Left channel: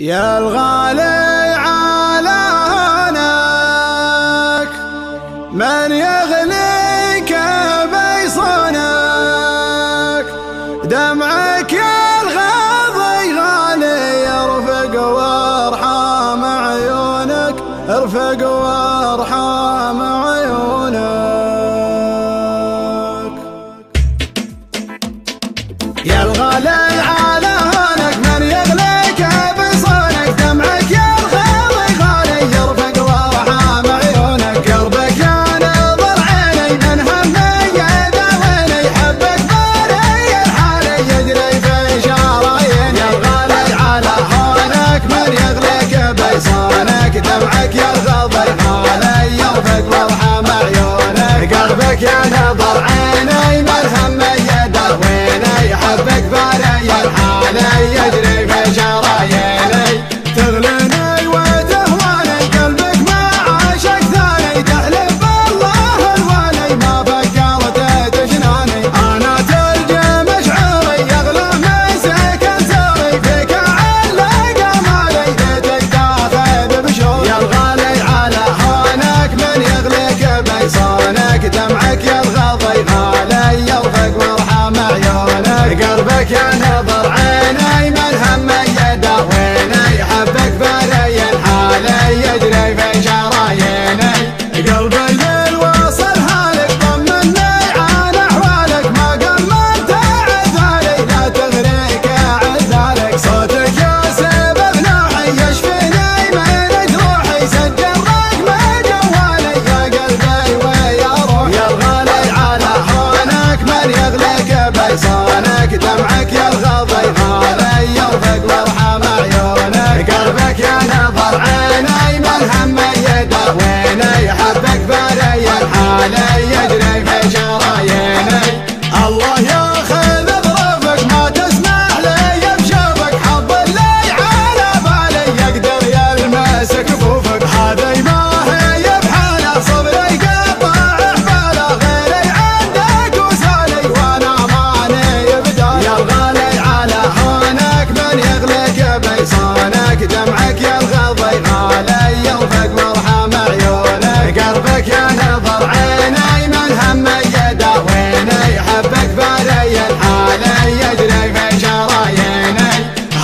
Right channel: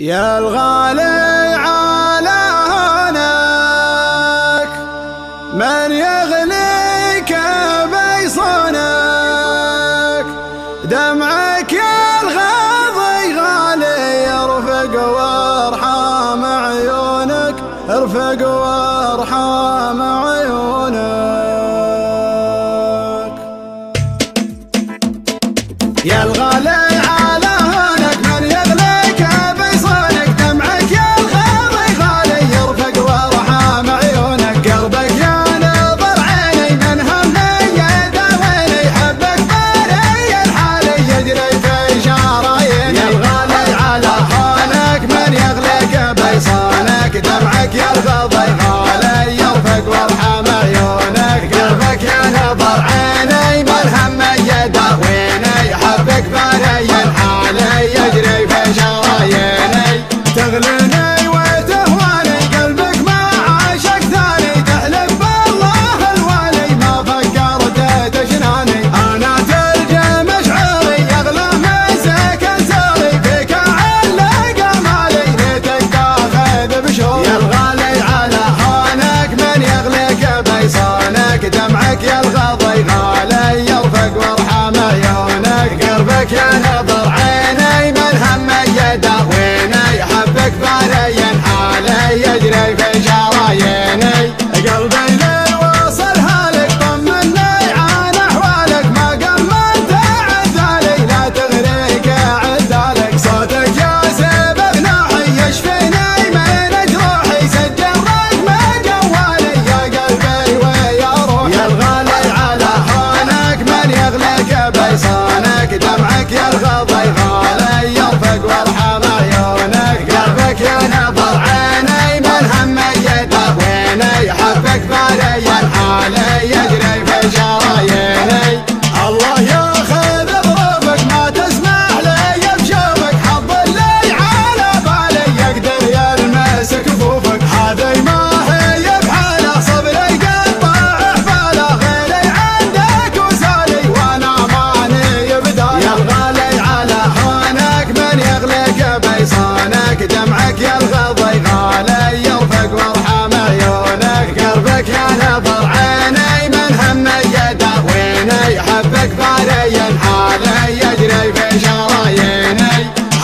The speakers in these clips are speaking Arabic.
يا الغالي على هونك من يغليك بيصونك، دمعك يا الغاضي غالي يرفق وارحام عيونك، ارفق وارحام عيونك. يا الغالي على هونك من يغليك بيصونك، دمعك يا الغاضي غالي يرفق وارحام عيونك، قلبك يا نظر عيني من همي يداويني، حبك باري الحالي يجري في شراييني. يا الغالي على هونك من يغليك بيصونك، دمعك يا الغاضي غالي يرفق وارحام عيونك، قلبك يا نظر عيني من همي يداويني، حبك باري الحالي يجري في شراييني. تغليني وتهواني قلبك ما عاشق ثاني، تحلف بالله الوالي ما فكرت تجناني، انا تلجى مشعري يغلى مسك ساري، فيك علق مالي ليتك تاخذ بشوري. يا الغالي على هونك من يغليك بيصونك، دمعك يا الغاضي غالي يرفق وارحام عيونك، قلبك يا نظر عيني من همي يداويني، حبك باري حالي يجري في شراييني. قلبي ليل وصل هالك طمني عن احوالك، ما قمنت عذالي لا تغريك عذالك، صوتك يا سبب نوحي يشفيني من جروحي، سجل رقم جوالي يا قلبي ويا روحي. يا الغالي على هونك من يغليك بيصونك، دمعك يا الغاضي غالي يرفق وارحام عيونك، قلبك يا نظر عيني من همي يداويني، حبك باري الحالي يجري في شراييني. الله ياخذ ظروفك ما تسمح لي بشوفك، حظ اللي على بالي يقدر يلمس كفوفك، هذي ما هي بحاله صبري قطع حباله، غيري عندك وسالي وانا ماني بداله. يا الغالي على هونك من يغليك بيصونك، دمعك يا الغاضي غالي يرفق وارحام عيونك، قلبك يا نظر عيني من همي يداويني، حبك باري الحالي يجري في شراييني.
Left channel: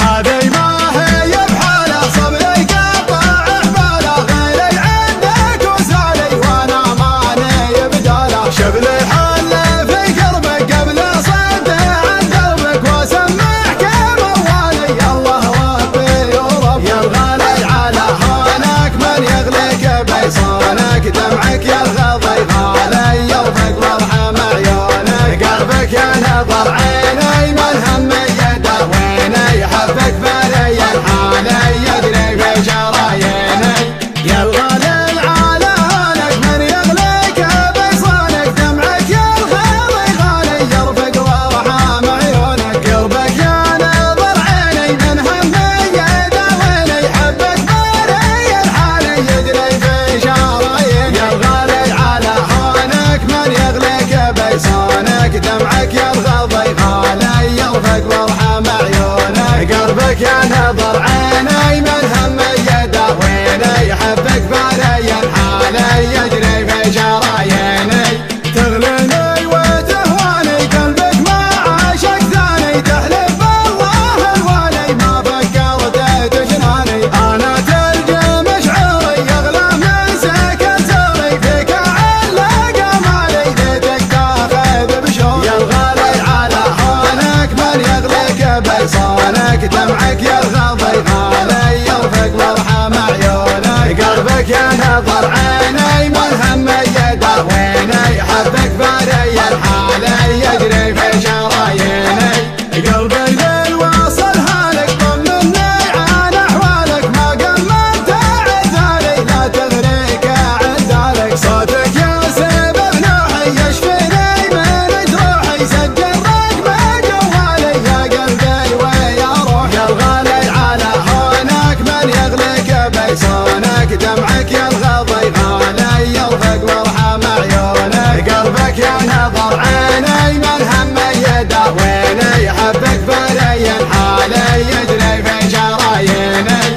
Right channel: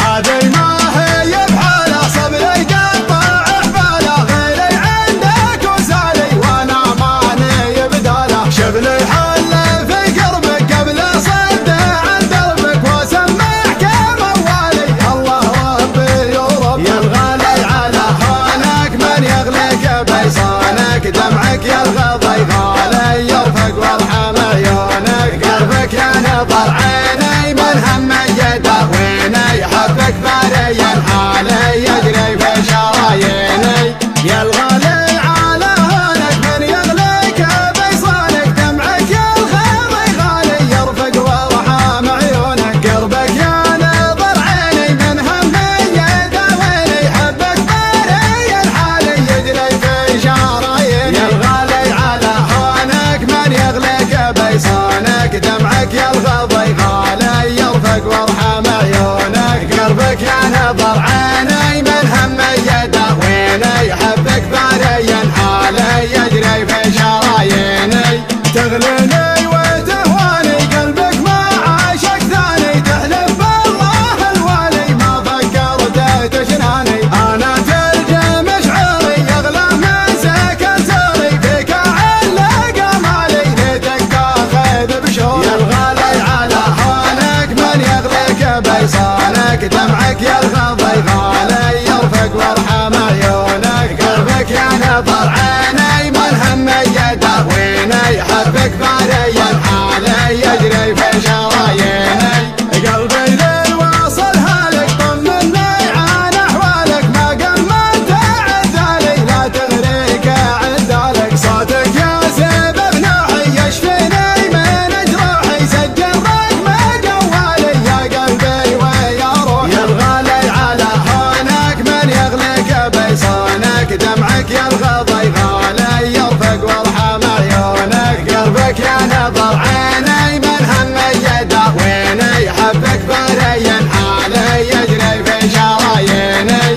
هذي ما هي بحاله صبري قطع حباله، غيري عندك وسالي وانا ماني بداله، شبلي حل في قربك قبل صد عن دربك، واسمعك موالي الله ربي ورب. يا الغالي على هونك من يغليك بيصونك، دمعك يا الغاضي غالي يرفق وارحام عيونك، قلبك يا نظر عيني من همي يداويني، حبك باري الحالي يجري في شراييني. يا الغالي على هونك من يغليك بيصونك، دمعك يا الغاضي غالي يرفق وارحام عيونك، قلبك يا نظر عيني من همي يداويني، حبك باري الحالي يجري في شراييني. يا الغالي على هونك من يغليك بيصونك، دمعك يا الغاضي غالي يرفق وارحام عيونك، قلبك يا نظر عيني من همي يداويني، حبك باري الحالي يجري في شراييني. تغليني وتهواني قلبك ما عاشق ثاني، تحلف بالله الوالي ما فكرت تجناني، انا تلجى مشعري يغلى مسك ساري، فيك علق مالي ليتك تاخذ بشوري. يا الغالي على هونك من يغليك بيصونك، دمعك يا الغاضي غالي يرفق وارحام عيونك، قلبك يا نظر عيني من همي يداويني، حبك باري الحالي يجري في شراييني. قلبي ليل وصل هالك طمني عن احوالك، ما قمنت عذالي لا تغريك عذالك، صوتك يا سبب نوحي يشفيني من جروحي، سجل رقم جوالي يا قلبي ويا روحي. يا الغالي على هونك من يغليك بيصونك، دمعك يا الغاضي غالي يرفق وارحام عيونك، قلبك يا نظر عيني من همي يداويني، حبك باري الحالي يجري في شراييني.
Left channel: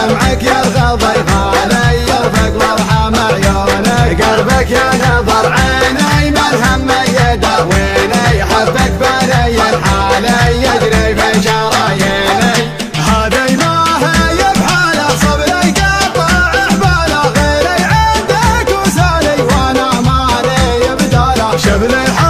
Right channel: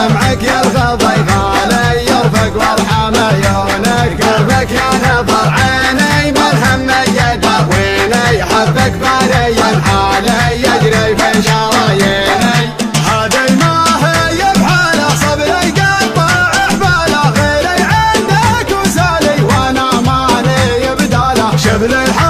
دمعك يرغض غالي يرفق وارحم عيونك قلبك يا نظر عيني من هم يداويني حبك بالي الحالي يجري في شراييني هذي ما هي بحاله صبري قطع احباله غيري عندك وسالي وانا مالي بداله شبل الحال